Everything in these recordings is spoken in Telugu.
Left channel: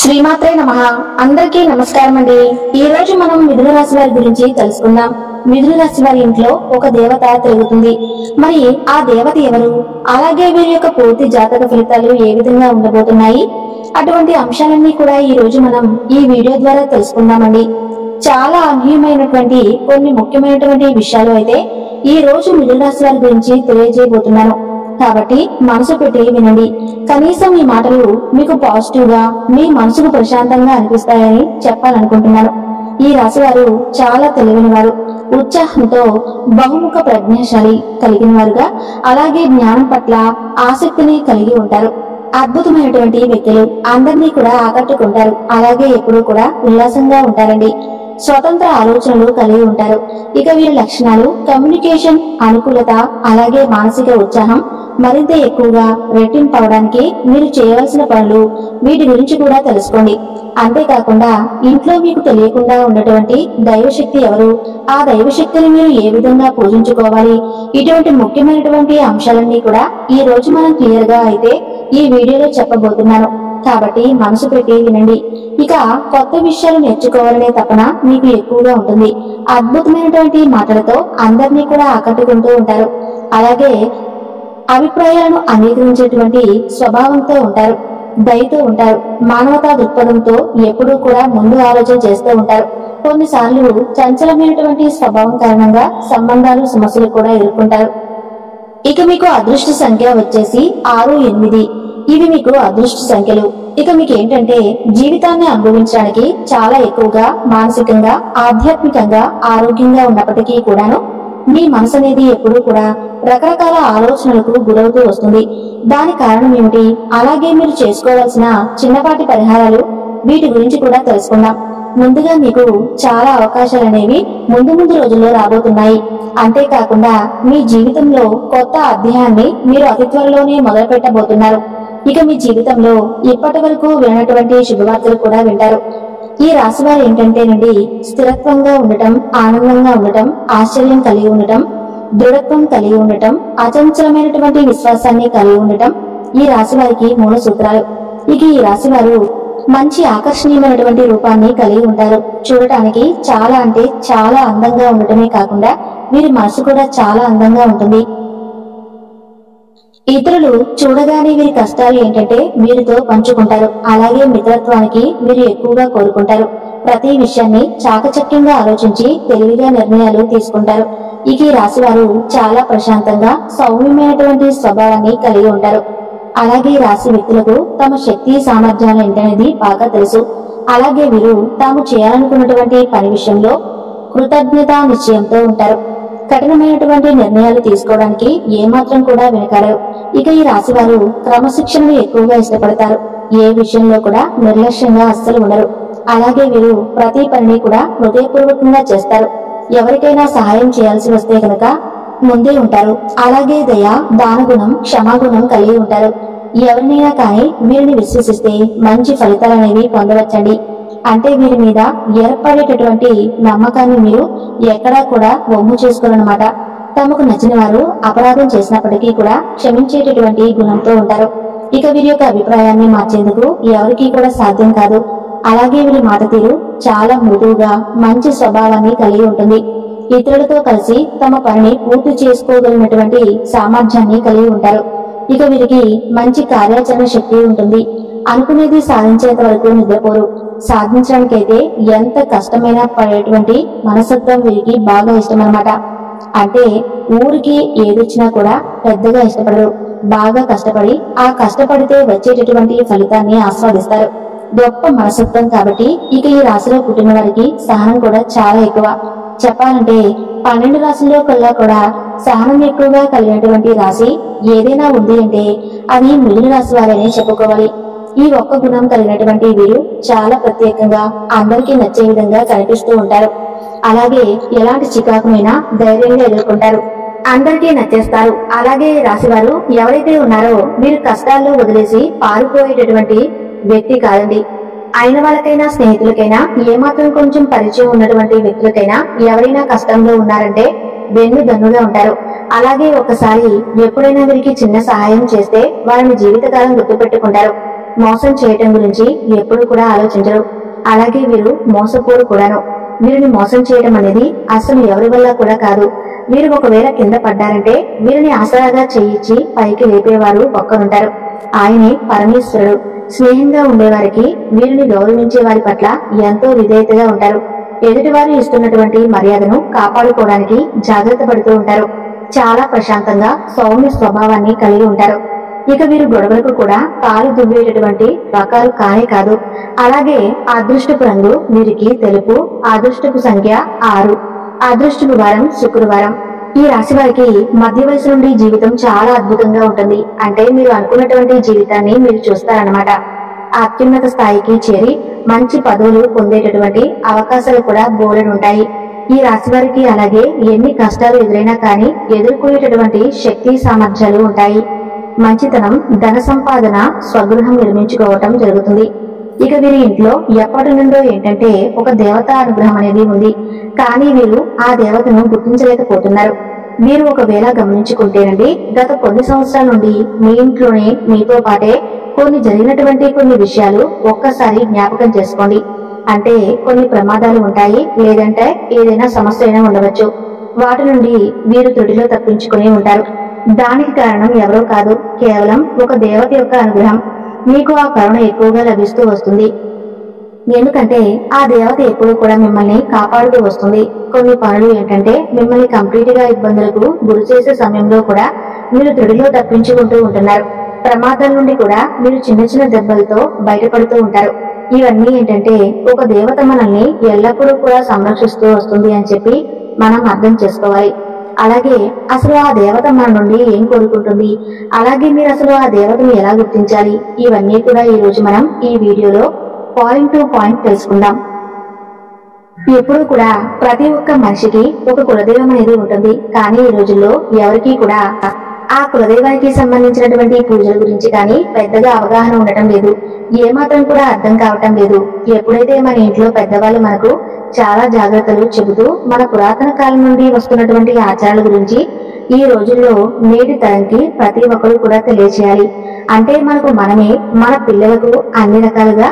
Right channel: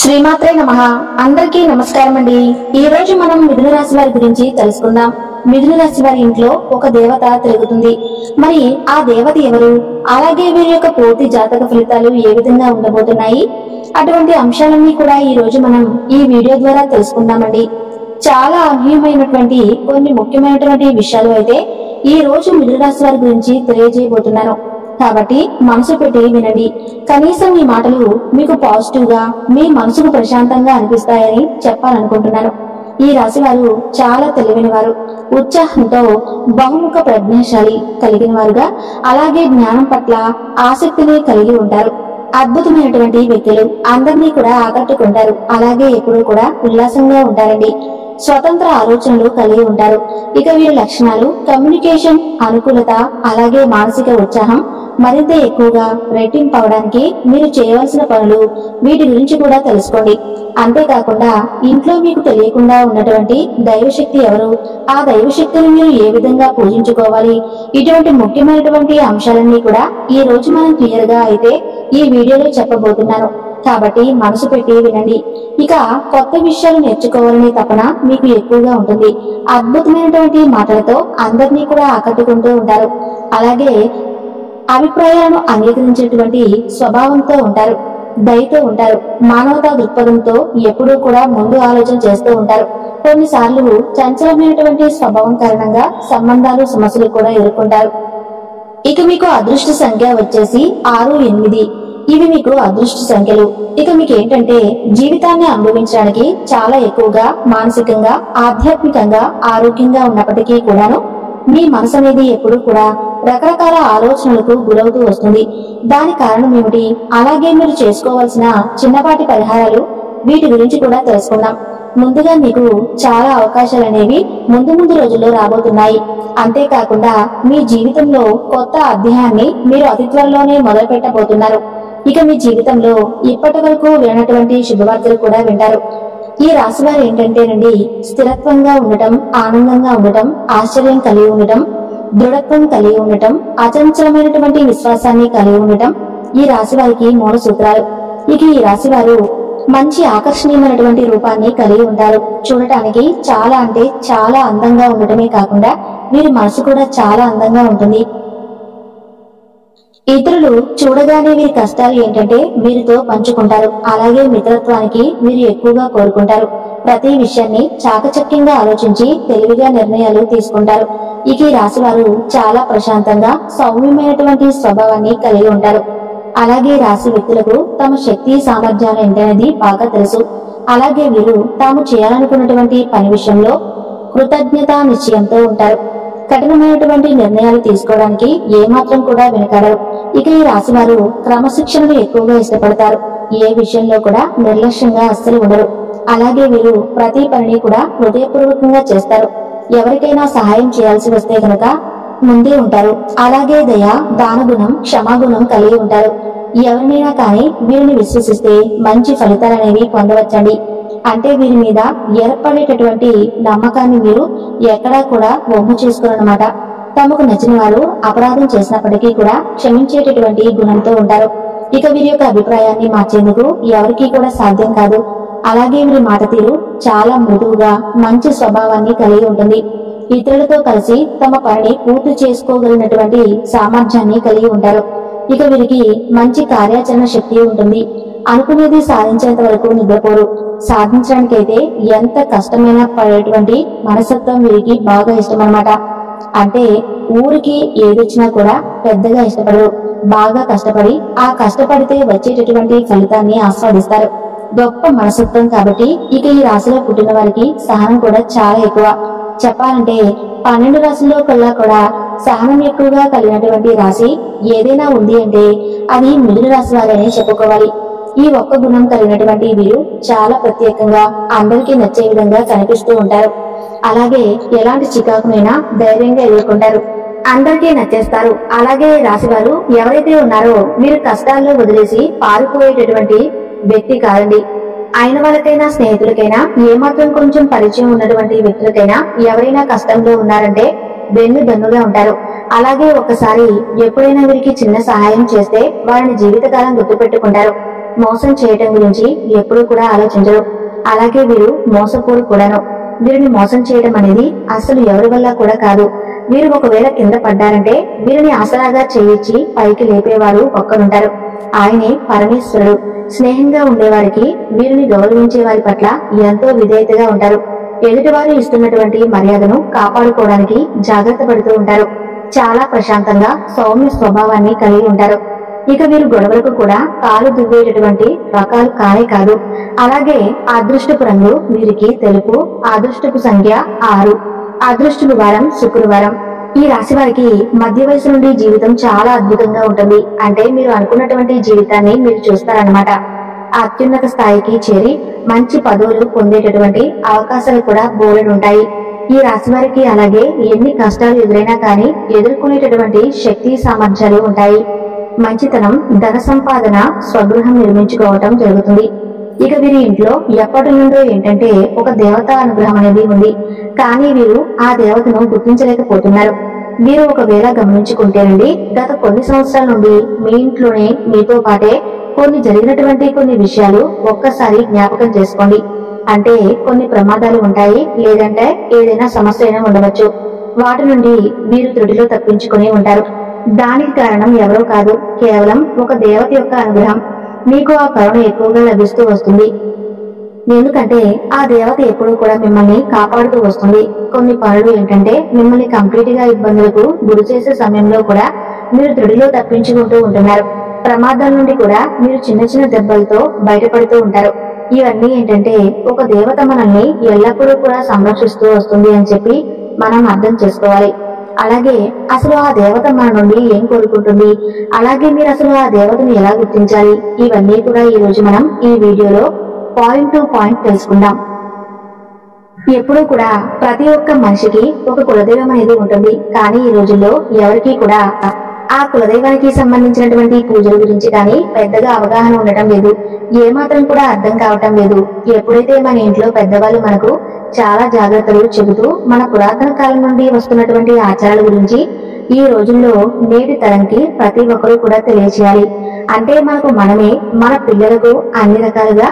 శ్రీమాత్రే నమః. అందరికీ నమస్కారం అండి. ఈ రోజు మనం మిథున రాశి వారి గురించి తెలుసుకుందాం. మిథున రాశి వారి ఇంట్లో ఒక దేవత తిరుగుతుంది. మరి ఆ దేవత ఎవరు, అలాగే వీరి యొక్క పూర్తి జాతక ఫలితాలు ఏ విధంగా ఉండబోతున్నాయి, అటువంటి అంశాలన్నీ కూడా ఈ రోజు మనం ఈ వీడియో ద్వారా తెలుసుకుందామండి. చాలా అనూహ్యమైనటువంటి కొన్ని ముఖ్యమైనటువంటి విషయాలు అయితే ఈ రోజు మిథున రాశి వారి గురించి తెలియజేయబోతున్నాను. కాబట్టి మనసు పెట్టి వినండి. కనీసం ఈ మాటలు మీకు పాజిటివ్ గా, మీ మనసుకు ప్రశాంతంగా అనిపిస్తాయని చెప్పాలనుకుంటున్నాను. ఈ రాశి వారు చాలా తెలివైన వారు, ఉత్సాహంతో బహుముఖ ప్రజ్ఞాశాలి కలిగిన వారుగా, అలాగే జ్ఞానం పట్ల ఆసక్తిని కలిగి ఉంటారు. అద్భుతమైనటువంటి వ్యక్తులు, అందరినీ కూడా ఆకట్టుకుంటారు. అలాగే ఎప్పుడూ కూడా ఉల్లాసంగా ఉంటారండి. స్వతంత్ర ఆలోచనలు కలిగి ఉంటారు. ఇక వీరి లక్షణాలు కమ్యూనికేషన్, అనుకూలత, అలాగే మానసిక ఉత్సాహం మరింత ఎక్కువగా రెట్టింపు అవడానికి మీరు చేయవలసిన పనులు, వీటి గురించి కూడా తెలుసుకోండి. అంతేకాకుండా ఇంట్లో మీకు తెలియకుండా ఉన్నటువంటి దైవశక్తి ఎవరు, ఆ దైవశక్తిని మీరు ఏ విధంగా పూజించుకోవాలి, ఇటువంటి ముఖ్యమైనటువంటి అంశాలన్నీ కూడా ఈ రోజు మనం క్లియర్ గా అయితే ఈ వీడియోలో చెప్పబోతున్నాను. కాబట్టి మనసు పెట్టి వినండి. ఇక కొత్త విషయాలు నేర్చుకోవాలనే తపన మీకు ఎక్కువగా ఉంటుంది. అద్భుతమైనటువంటి మాటలతో అందరినీ కూడా ఆకట్టుకుంటూ ఉంటారు. అలాగే అభిప్రాయాలను అంగీకరించేటువంటి స్వభావంతో ఉంటారు. దయతో ఉంటారు. మానవతా దృక్పథంతో ఎప్పుడూ కూడా ముందు ఆలోచన చేస్తూ ఉంటారు. కొన్నిసార్లు చంచలమైనటువంటి స్వభావం కారణంగా సంబంధాలు, సమస్యలు కూడా ఎదుర్కొంటారు. ఇక మీకు అదృష్ట సంఖ్య వచ్చేసి 6, 8. ఇవి మీకు అదృష్ట సంఖ్యలు. ఇక మీకు ఏంటంటే జీవితాన్ని అనుభవించడానికి చాలా ఎక్కువగా మానసికంగా, ఆధ్యాత్మికంగా, ఆరోగ్యంగా ఉన్నప్పటికీ కూడాను మీ మనసు అనేది ఎప్పుడూ కూడా రకరకాల ఆలోచనలకు గురవుతూ వస్తుంది. దాని కారణం ఏమిటి, అలాగే మీరు చేసుకోవాల్సిన చిన్నపాటి పరిహారాలు, వీటి గురించి కూడా తెలుసుకుందాం. ముందుగా మీకు చాలా అవకాశాలు అనేవి ముందు రోజుల్లో రాబోతున్నాయి. అంతేకాకుండా మీ జీవితంలో కొత్త అధ్యాయాన్ని మీరు అతి త్వరలోనే మొదలు పెట్టబోతున్నారు. ఇక మీ జీవితంలో ఇప్పటి వరకు వినటువంటి శుభవార్తలు కూడా వింటారు. ఈ రాశి వారు ఏంటంటేనండి, స్థిరత్వంగా ఉండటం, ఆనందంగా ఉండటం, ఆశ్చర్యం కలిగి ఉండటం, దృఢత్వం కలిగి ఉండటం, అచంచలమైనటువంటి విశ్వాసాన్ని కలిగి ఉండటం ఈ రాశి వారికి మూల సూత్రాలు. ఇక ఈ రాశి వారు మంచి ఆకర్షణీయమైనటువంటి రూపాన్ని కలిగి ఉంటారు. చూడటానికి చాలా అంటే చాలా అందంగా ఉండటమే కాకుండా వీరి మనసు కూడా చాలా అందంగా ఉంటుంది. ఇతరులు చూడగానే వీరి కష్టాలు ఏంటంటే వీరితో పంచుకుంటారు. అలాగే మిత్రత్వానికి వీరు ఎక్కువగా కోరుకుంటారు. ప్రతి విషయాన్ని చాకచక్యంగా ఆలోచించి తెలివిగా నిర్ణయాలు తీసుకుంటారు. ఇక ఈ రాశి వారు చాలా ప్రశాంతంగా, సౌమ్యమైనటువంటి స్వభావాన్ని కలిగి ఉంటారు. అలాగే రాశి వ్యక్తులకు తమ శక్తి, సామర్థ్యాలు ఏంటనేది బాగా తెలుసు. అలాగే వీరు తాము చేయాలనుకున్నటువంటి పని విషయంలో కృతజ్ఞతా నిశ్చయంతో ఉంటారు. కఠినమైనటువంటి నిర్ణయాలు తీసుకోవడానికి ఏమాత్రం కూడా వెనకాడరు. ఇక ఈ రాశి వారు క్రమశిక్షణను ఎక్కువగా ఇష్టపడతారు. ఏ విషయంలో కూడా నిర్లక్ష్యంగా అస్సలు ఉండరు. అలాగే వీరు ప్రతి పనిని కూడా హృదయపూర్వకంగా చేస్తారు. ఎవరికైనా సహాయం చేయాల్సి వస్తే కనుక ముందే ఉంటారు. అలాగే దయ, దానగుణం, క్షమాగుణం కలిగి ఉంటారు. ఎవరినైనా కానీ వీరిని విశ్వసిస్తే మంచి ఫలితాలనేవి పొందవచ్చండి. అంటే వీరి మీద ఏర్పడేటటువంటి నమ్మకాన్ని మీరు ఎక్కడా కూడా వమ్ము చేసుకోరన్నమాట. తమకు నచ్చిన వారు అపరాధం చేసినప్పటికీ కూడా క్షమించేటటువంటి గుణంతో ఉంటారు. ఇక వీరి యొక్క అభిప్రాయాన్ని మార్చేందుకు ఎవరికీ కూడా సాధ్యం కాదు. అలాగే వీరి మాట తీరు చాలా మృదువుగా, మంచి స్వభావాన్ని కలిగి ఉంటుంది. ఇతరులతో కలిసి తమ పనిని పూర్తి చేసుకోగలిగినటువంటి సామర్థ్యాన్ని కలిగి ఉంటారు. ఇక వీరికి మంచి కార్యాచరణ శక్తి ఉంటుంది. అనుకునేది సాధించేంత వరకు నిద్రపోరు. సాధించడానికైతే ఎంత కష్టమైనా పడేటువంటి మనస్తత్వం వీరికి బాగా ఇష్టం అన్నమాట. అంటే ఊరికి ఏదొచ్చినా కూడా పెద్దగా ఇష్టపడరు. బాగా కష్టపడి ఆ కష్టపడితే వచ్చేటటువంటి ఫలితాన్ని ఆస్వాదిస్తారు. గొప్ప మనస్తత్వం కాబట్టి ఇక ఈ రాశిలో పుట్టిన వారికి సహనం కూడా చాలా ఎక్కువ. చెప్పాలంటే 12 రాశుల్లో కల్లా కూడా సహనం ఎక్కువగా కలిగినటువంటి రాశి ఏదైనా ఉంది అంటే అది మిథున రాశి వారనే చెప్పుకోవాలి. ఈ ఒక్క గుణం కలిగినటువంటి వీరు చాలా ప్రత్యేకంగా, అందరికీ నచ్చే విధంగా కనిపిస్తూ ఉంటారు. అలాగే ఎలాంటి చికాకునైనా ధైర్యంగా ఎదుర్కొంటారు. అందరికీ నచ్చేస్తారు. అలాగే రాశివారు ఎవరైతే ఉన్నారో వీరు కష్టాల్లో వదిలేసి పారిపోయేటటువంటి వ్యక్తి కాదండి. అయిన వాళ్ళకైనా, స్నేహితులకైనా, ఏమాత్రం కొంచెం పరిచయం ఉన్నటువంటి వ్యక్తులకైనా ఎవరైనా కష్టంలో ఉన్నారంటే వెన్ను దన్నుగా ఉంటారు. అలాగే ఒక్కసారి ఎప్పుడైనా వీరికి చిన్న సహాయం చేస్తే వారిని జీవితకాలం గుర్తుపెట్టుకుంటారు. మోసం చేయటం గురించి ఎప్పుడూ కూడా ఆలోచించరు. అలాగే వీరు మోసపోరు కూడాను. వీరిని మోసం చేయడం అనేది అసలు ఎవరి వల్ల కూడా కాదు. వీరు ఒకవేళ కింద పడ్డారంటే వీరిని ఆసరాగా చేయించి పైకి లేపేవారు ఒక్కరుంటారు. ఆయనే పరమేశ్వరుడు. స్నేహంగా ఉండేవారికి, వీరిని గౌరవించే వారి పట్ల ఎంతో విధేయతగా ఉంటారు. ఎదుటివారు ఇస్తున్నటువంటి మర్యాదను కాపాడుకోవడానికి జాగ్రత్త పడుతూ ఉంటారు. చాలా ప్రశాంతంగా సౌమ్య స్వభావాన్ని కలిగి ఉంటారు. ఇక వీరు గొడవలకు కూడా కాలు దువ్వేటటువంటి రకాలు కానే కాదు. అలాగే అదృష్టపు రంగు వీరికి తెలుపు, అదృష్టపు సంఖ్య 6, అదృష్టపు వారం శుక్రవారం. ఈ రాశి వారికి మధ్య వయసు నుండి జీవితం చాలా అద్భుతంగా ఉంటుంది. అంటే మీరు అనుకున్నటువంటి జీవితాన్ని మీరు చూస్తారన్నమాట. అత్యున్నత స్థాయికి చేరి మంచి పదవులు పొందేటటువంటి అవకాశాలు కూడా బోలెడుంటాయి ఈ రాశి వారికి. అలాగే ఎన్ని కష్టాలు ఎదురైనా కానీ ఎదుర్కొనేటటువంటి శక్తి సామర్థ్యాలు ఉంటాయి. మంచితనం, ధన సంపాదన, స్వగృహం నిర్మించుకోవటం జరుగుతుంది. ఇక వీరి ఇంట్లో ఎప్పటి నుండో ఏంటంటే ఒక దేవతా అనుగ్రహం అనేది ఉంది. కానీ వీరు ఆ దేవతను గుర్తించలేకపోతున్నారు. వీరు ఒకవేళ గమనించుకుంటేనండి, గత కొన్ని సంవత్సరాల నుండి మీ ఇంట్లోనే మీతో పాటే జరిగినటువంటి కొన్ని విషయాలు ఒక్కసారి జ్ఞాపకం చేసుకోండి. అంటే కొన్ని ప్రమాదాలు ఉంటాయి, లేదంటే ఏదైనా సమస్య అయినా ఉండవచ్చు. వాటి నుండి వీరు త్రుటిలో తప్పించుకుని ఉంటారు. దానికి కారణం ఎవరో కాదు, కేవలం ఒక దేవత యొక్క అనుగ్రహం. మీకు ఆ కరుణ ఎక్కువగా లభిస్తూ వస్తుంది. ఎందుకంటే ఆ దేవత ఎప్పుడూ కూడా మిమ్మల్ని కాపాడుతూ వస్తుంది. కొన్ని పనులు ఏంటంటే మిమ్మల్ని కంప్లీట్ గా ఇబ్బందులకు గురి చేసే సమయంలో కూడా మీరు త్రుడిలో తప్పించుకుంటూ ఉంటున్నారు. ప్రమాదాల నుండి కూడా మీరు చిన్న చిన్న దెబ్బలతో బయటపడుతూ ఉంటారు. ఇవన్నీ ఏంటంటే ఒక దేవత మనల్ని ఎల్లప్పుడూ కూడా సంరక్షిస్తూ వస్తుంది అని చెప్పి మనం అర్థం చేసుకోవాలి. అలాగే అసలు ఆ దేవత మన నుండి ఏం కోరుకుంటుంది, అలాగే మీరు అసలు ఆ దేవతను ఎలా గుర్తించాలి, ఇవన్నీ కూడా ఈ రోజు మనం ఈ వీడియోలో పాయింట్ టు పాయింట్ తెలుసుకుందాం. ఎప్పుడూ కూడా ప్రతి ఒక్క మనిషికి ఒక కులదైవం అనేది ఉంటుంది. కానీ ఈ రోజుల్లో ఎవరికీ కూడా ఆ కులదైవానికి సంబంధించినటువంటి పూజల గురించి కానీ పెద్దగా అవగాహన ఉండటం లేదు. ఏమాత్రం కూడా అర్థం కావటం లేదు. ఎప్పుడైతే మన ఇంట్లో పెద్దవాళ్ళు మనకు చాలా జాగ్రత్తలు చెబుతూ మన పురాతన కాలం నుండి వస్తున్నటువంటి ఆచారాల గురించి ఈ రోజుల్లో నేటి తరంకి ప్రతి ఒక్కరూ కూడా తెలియచేయాలి. అంటే మనకు మనమే మన పిల్లలకు అన్ని రకాలుగా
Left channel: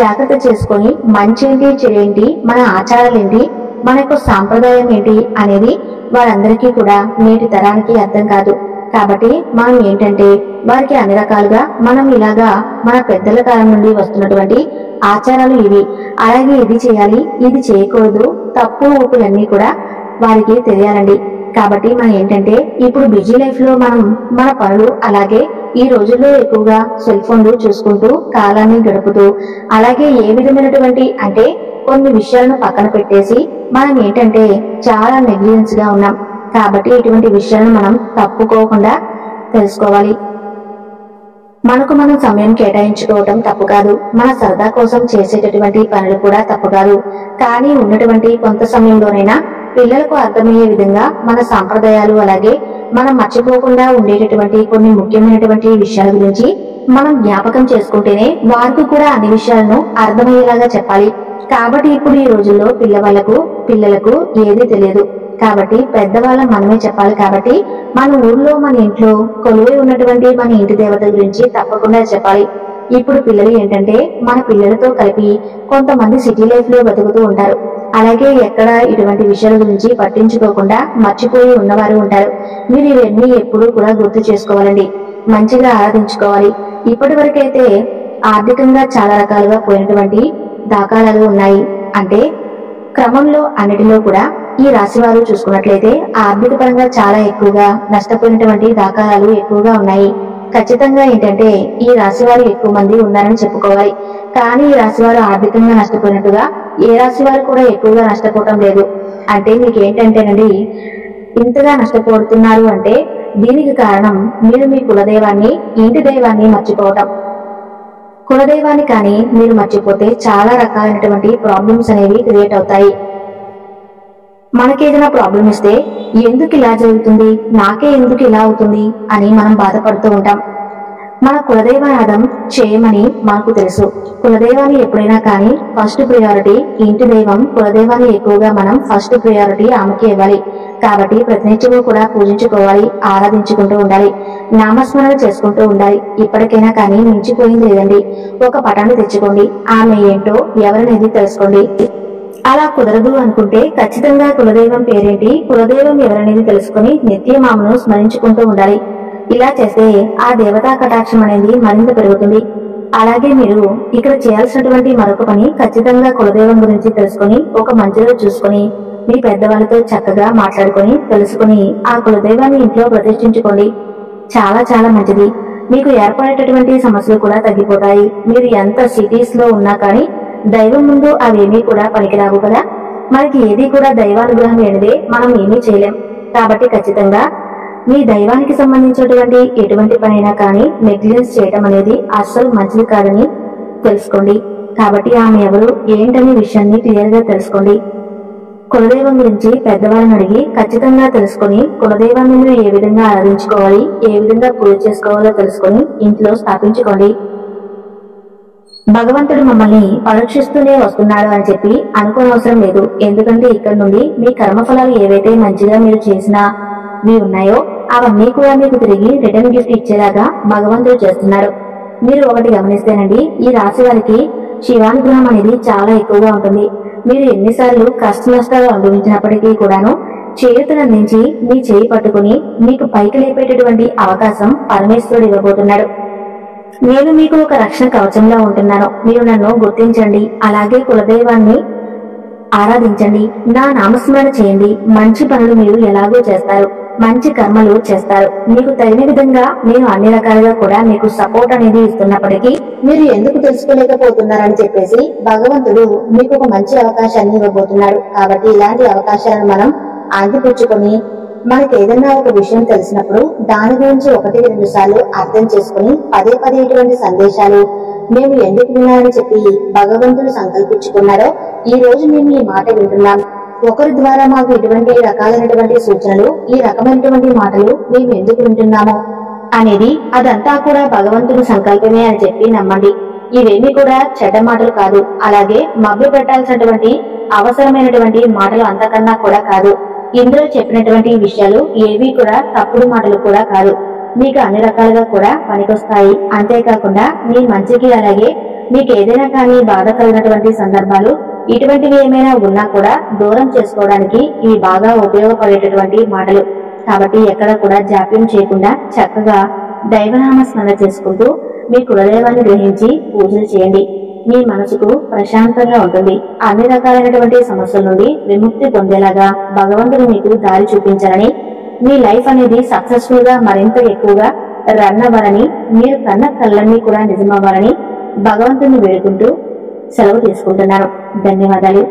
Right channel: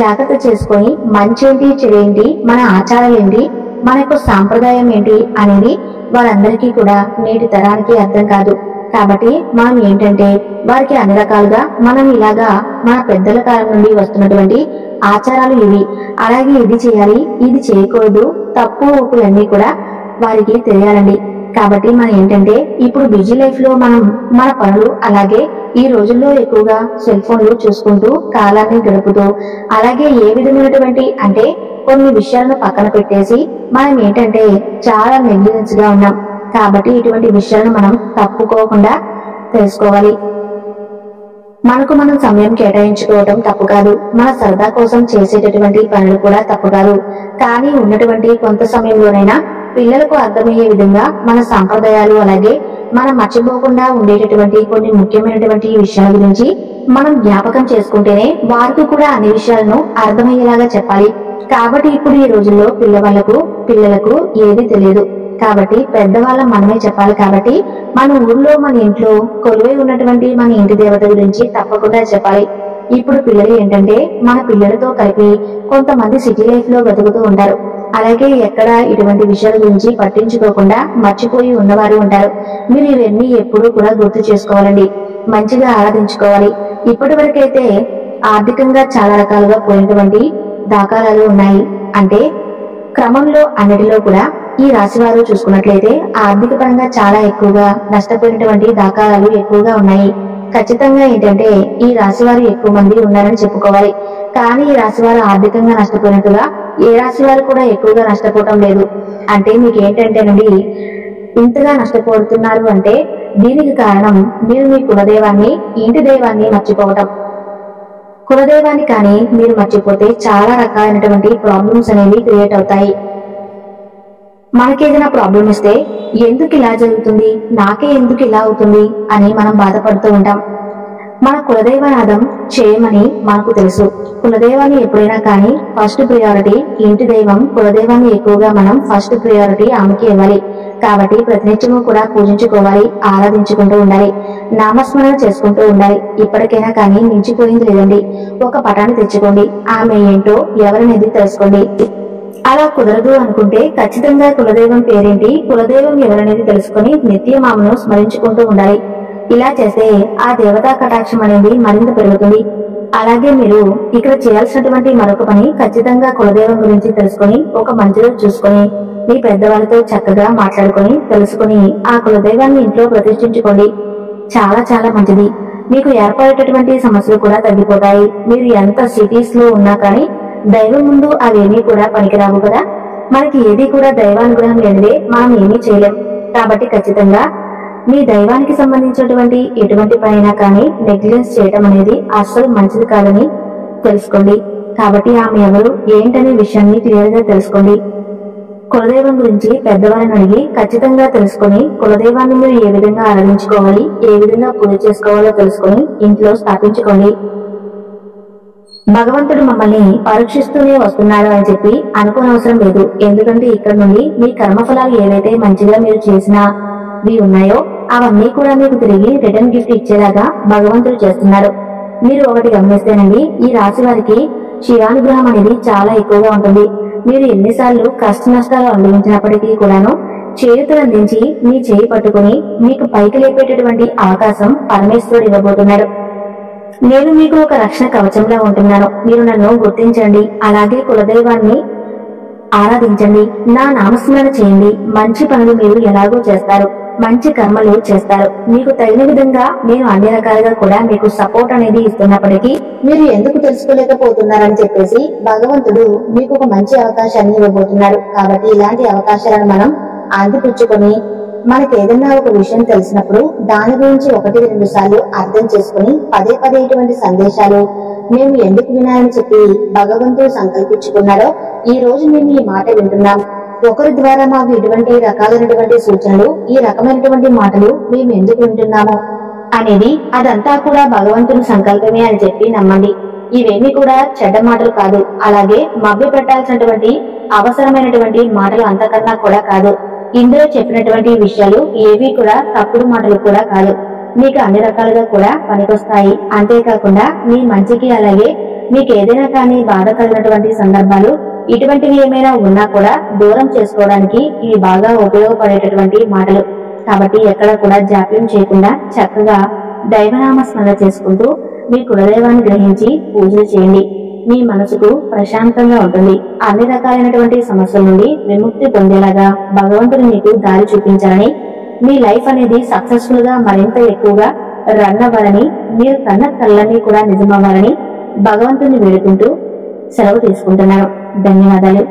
జాగ్రత్త చేసుకొని మంచేంటి చెడేంటి, మన ఆచారాలేంటి, మన యొక్క సాంప్రదాయం ఏంటి అనేది వారందరికీ కూడా నేటి తరానికి అర్థం కాదు. కాబట్టి మనం ఏంటంటే వారికి అన్ని రకాలుగా మనం ఇలాగా మన పెద్దల కాలం నుండి వస్తున్నటువంటి ఆచారాలు ఇవి, అలాగే ఇది చేయాలి, ఇది చేయకూడదు, తప్పు ఒప్పులన్నీ కూడా వారికి తెలియాలండి. కాబట్టి మనం ఏంటంటే ఇప్పుడు బిజీ లైఫ్ లో మనం మన పనులు, అలాగే ఈ రోజుల్లో ఎక్కువగా సెల్ ఫోన్లు చూసుకుంటూ కాలాన్ని గడుపుతూ, అలాగే ఏ విధమైనటువంటి అంటే కొన్ని విషయాలను పక్కన పెట్టేసి మనం ఏంటంటే చాలా నెగ్లిజెన్స్ గా ఉన్నాం. కాబట్టి ఇటువంటి విషయాలను మనం తప్పుకోకుండా తెలుసుకోవాలి. మనకు మనం సమయం కేటాయించుకోవటం తప్పు కాదు, మన సరదా కోసం చేసేటటువంటి పనులు కూడా తప్పు కాదు. కానీ ఉన్నటువంటి కొంత సమయంలోనైనా పిల్లలకు అర్థమయ్యే విధంగా మన సాంప్రదాయాలు, అలాగే మనం మర్చిపోకుండా ఉండేటటువంటి కొన్ని ముఖ్యమైనటువంటి విషయాల గురించి మనం జ్ఞాపకం చేసుకుంటేనే వారికి కూడా అన్ని విషయాలను అర్థమయ్యేలాగా చెప్పాలి. కాబట్టి ఇప్పుడు ఈ రోజుల్లో పిల్లలకు ఏదీ తెలియదు. కాబట్టి పెద్దవాళ్ళం మనమే చెప్పాలి. కాబట్టి మన ఊర్లో, మన ఇంట్లో కొలువై ఉన్నటువంటి మన ఇంటి దేవత గురించి తప్పకుండా చెప్పాలి. ఇప్పుడు పిల్లలు ఏంటంటే మన పిల్లలతో కలిపి కొంతమంది సిటీ లైఫ్ లో బతుకుతూ ఉంటారు. అలాగే ఎక్కడ ఇటువంటి విషయాల గురించి పట్టించుకోకుండా మర్చిపోయి ఉన్నవారు ఉంటారు. మీరు ఇవన్నీ ఎప్పుడూ కూడా గుర్తు చేసుకోవాలండి. మంచిగా ఆరాధించుకోవాలి. ఇప్పటి వరకైతే ఆర్థికంగా చాలా రకాలుగా పోయినటువంటి దాఖలాలు ఉన్నాయి. అంటే క్రమంలో అన్నిటిలో కూడా ఈ రాశి వారు చూసుకున్నట్లయితే ఆర్థిక పరంగా చాలా ఎక్కువగా నష్టపోయినటువంటి దాఖలాలు ఎక్కువగా ఉన్నాయి. ఖచ్చితంగా ఏంటంటే ఈ రాశి వారు ఎక్కువ మంది ఉన్నారని చెప్పుకోవాలి. కానీ ఈ రాశి వారు ఆర్థికంగా నష్టపోయినట్టుగా ఏ రాశి వారు కూడా ఎక్కువగా నష్టపోవటం లేదు. అంటే మీకు ఏంటంటేనండి, ఇంతగా నష్టపోతున్నారు అంటే దీనికి కారణం మీరు మీ కులదైవాన్ని, ఇంటి దైవాన్ని మర్చిపోవటం. కులదైవాన్ని కానీ మీరు మర్చిపోతే చాలా రకాలైనటువంటి ప్రాబ్లమ్స్ అనేవి క్రియేట్ అవుతాయి. మనకేదైనా ప్రాబ్లం ఇస్తే ఎందుకు ఇలా జరుగుతుంది, నాకే ఎందుకు ఇలా అవుతుంది అని మనం బాధపడుతూ ఉంటాం. మన కులదైవనాదం చేయమని మనకు తెలుసు. కులదైవాన్ని ఎప్పుడైనా కానీ ఫస్ట్ ప్రియారిటీ ఇంటి దైవం, కులదైవాన్ని ఎక్కువగా మనం ఫస్ట్ ప్రియారిటీ ఆమెకి ఇవ్వాలి. కాబట్టి ప్రతినిత్యము కూడా పూజించుకోవాలి, ఆరాధించుకుంటూ ఉండాలి, నామస్మరణ చేసుకుంటూ ఉండాలి. ఇప్పటికైనా కానీ మించిపోయింది లేదండి. ఒక పటాన్ని తెచ్చుకోండి, ఆమె ఏంటో ఎవరనేది తెలుసుకోండి. అలా కుదరదు అనుకుంటే ఖచ్చితంగా కులదైవం పేరేంటి, కులదైవం ఎవరనేది తెలుసుకుని నిత్యం ఆమెను స్మరించుకుంటూ ఉండాలి. ఇలా చేస్తే ఆ దేవతా కటాక్షం అనేది మరింత పెరుగుతుంది. అలాగే మీరు ఇక్కడ చేయాల్సినటువంటి మరొక పని, ఖచ్చితంగా కులదైవం గురించి తెలుసుకుని ఒక మంచి రోజు చూసుకుని మీ పెద్దవాళ్ళతో చక్కగా మాట్లాడుకుని తెలుసుకుని ఆ కులదైవాన్ని ఇంట్లో ప్రతిష్ఠించుకోండి. చాలా చాలా మంచిది. మీకు ఏర్పడేటటువంటి సమస్యలు కూడా తగ్గిపోతాయి. మీరు ఎంత సిటీస్ లో ఉన్నా కానీ దైవం ముందు అవేమీ కూడా పనికిరావు కదా. మనకి ఏది కూడా దైవానుగ్రహం లేనిదే మనం ఏమీ చేయలేం. కాబట్టి ఖచ్చితంగా మీ దైవానికి సంబంధించినటువంటి ఎటువంటి పనైనా కానీ నెగ్లిజెన్స్ చేయటం అనేది అస్సలు మంచిది కాదని తెలుసుకోండి. కాబట్టి ఆమె ఎవరు ఏంటనే విషయాన్ని క్లియర్ గా తెలుసుకోండి. కులదైవం గురించి పెద్దవారిని అడిగి ఖచ్చితంగా తెలుసుకుని కులదైవాన్ని మీరు ఏ విధంగా ఆరాధించుకోవాలి, ఏ విధంగా పూజ చేసుకోవాలో తెలుసుకుని ఇంట్లో స్థాపించుకోండి. భగవంతుడు మమ్మల్ని పరీక్షిస్తూనే వస్తున్నాడు అని చెప్పి అనుకోనవసరం లేదు. ఎందుకంటే ఇక్కడ నుండి మీ కర్మఫలాలు ఏవైతే మంచిగా మీరు చేసినవి ఉన్నాయో అవన్నీ కూడా మీకు తిరిగి రిటర్న్ గిఫ్ట్ ఇచ్చేలాగా భగవంతుడు చేస్తున్నాడు. మీరు ఒకటి గమనిస్తేనండి, ఈ రాశి వారికి శివానుగ్రహం అనేది చాలా ఎక్కువగా ఉంటుంది. మీరు ఎన్నిసార్లు కష్ట నష్టాలు అనుభవించినప్పటికీ కూడాను చేతులు అందించి మీ చేయి పట్టుకుని మీకు పైకి లేపేటటువంటి అవకాశం పరమేశ్వరుడు ఇవ్వబోతున్నాడు. నేను మీకు ఒక రక్షణ కవచంగా ఉంటున్నాను. మీరు నన్ను గుర్తించండి, అలాగే కులదైవాన్ని ఆరాధించండి, నా నామస్మరణ చేయండి. మంచి పనులు మీరు ఎలాగో చేస్తారు, మంచి కర్మలు చేస్తారు. మీకు తగిన విధంగా నేను అన్ని రకాలుగా కూడా మీకు సపోర్ట్ అనేది ఇస్తున్నప్పటికీ మీరు ఎందుకు తెలుసుకోలేకపోతున్నారని చెప్పేసి భగవంతుడు మీకు ఒక మంచి అవకాశాన్ని ఇవ్వబోతున్నాడు. కాబట్టి ఇలాంటి అవకాశాలను మనం అందిపుచ్చుకొని మనకి ఏదన్నా ఒక విషయం తెలిసినప్పుడు దాని గురించి 1-2 సార్లు అర్థం చేసుకుని పదే పదే ఇటువంటి సందేశాలు మేము ఎందుకు వినాలని చెప్పి భగవంతుడు సంకల్పించుకున్నాడో ఈ రోజు మేము ఈ మాట వింటున్నాం. ఒకరి ద్వారా మాకు ఇటువంటి రకాలైనటువంటి సూచనలు, ఈ రకమైనటువంటి మాటలు మేము ఎందుకు వింటున్నామో అనేది అదంతా కూడా భగవంతుని సంకల్పమే అని చెప్పి నమ్మండి. ఇవేమీ కూడా చెడ్డ మాటలు కాదు, అలాగే మభ్య పెట్టాల్సినటువంటి అవసరమైనటువంటి మాటలు అంతకన్నా కూడా కాదు. ఇందులో చెప్పినటువంటి విషయాలు ఏవి కూడా తప్పుడు మాటలు కూడా కాదు. మీకు అన్ని రకాలుగా కూడా పనికొస్తాయి. అంతేకాకుండా మీ మంచికి, అలాగే మీకు ఏదైనా కానీ బాధ కలిగినటువంటి సందర్భాలు ఇటువంటివి ఏమైనా ఉన్నా కూడా దూరం చేసుకోవడానికి ఇవి బాగా ఉపయోగపడేటటువంటి మాటలు. కాబట్టి ఎక్కడ కూడా జాప్యం చేయకుండా చక్కగా దైవనామ స్మరణ చేసుకుంటూ మీ కులదైవాన్ని గ్రహించి పూజలు చేయండి. మీ మనసుకు ప్రశాంతంగా ఉంటుంది. అన్ని రకాలైనటువంటి సమస్యల నుండి విముక్తి పొందేలాగా భగవంతుడు మీకు దారి చూపించాలని, మీ లైఫ్ అనేది సక్సెస్ఫుల్ గా మరింత ఎక్కువగా రన్ అవ్వాలని, మీరు కన్న కళ్ళన్నీ కూడా నిజమవ్వాలని భగవంతుడిని వేడుకుంటూ సెలవు తీసుకుంటున్నాను. ధన్యవాదాలు.